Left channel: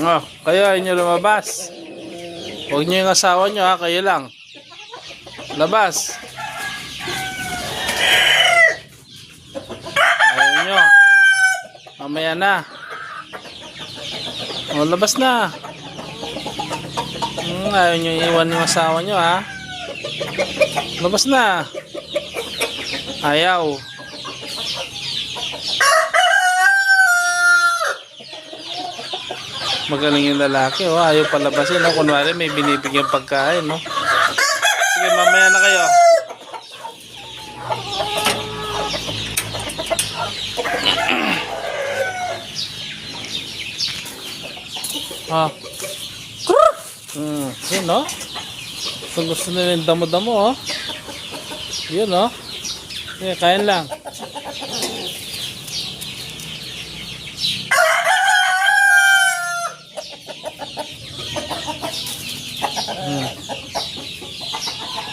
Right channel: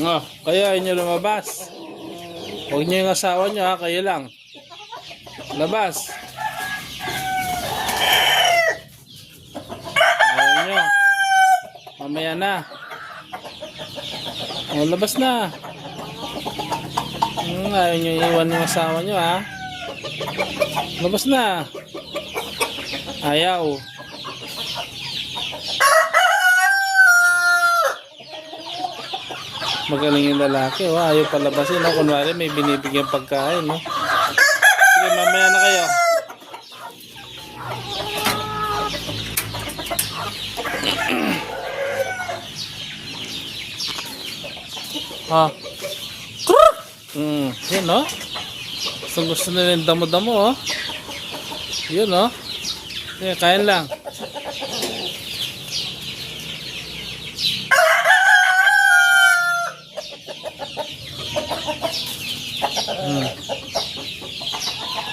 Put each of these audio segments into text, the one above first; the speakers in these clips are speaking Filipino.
Oh, kayo inyo lumabas. Huwag niyo yung asawa niyo ha, kayo lang. Labas. Ayaw niyo. Mamaya na. Oh, labas na. Ayaw niyo iwan yung asawa niyo ha. Labas na. Ayaw. Magaling yung lalaki, oh. Ayaw palabasin, no? Kunwari may binibigyan pagkain, no? Sige, mamaya na kayo. Ah. Yun, no? Gusto nila yung damo-damo, oh. Yun, no? Sige, kain lang.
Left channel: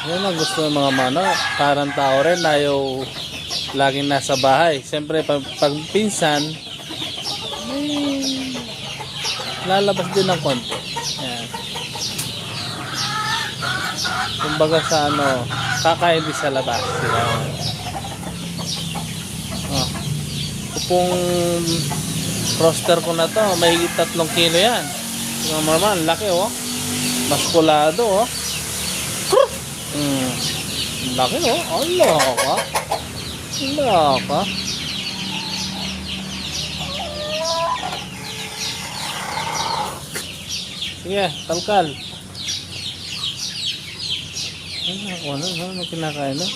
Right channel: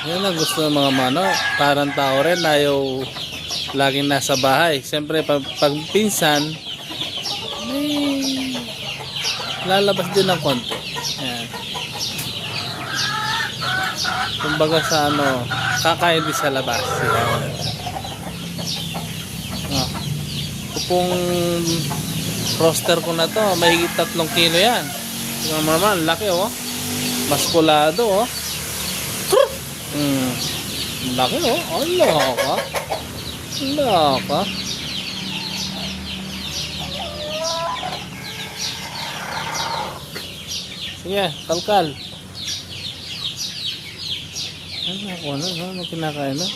Yan ang gusto ng mga mano. Parang tao rin, ayaw laging nasa bahay. Siyempre pag pinsan lalabas din ng konti. Yan. Kumbaga sa ano, kakain din sa labas. Yan. Oh. Kung roster ko na to, may 3 kilo yan. Yung naman, laki, oh. Maskulado, oh. Laki, oh. Allah ka. Allah ka. Sige, kalkal. Ano kinakain na?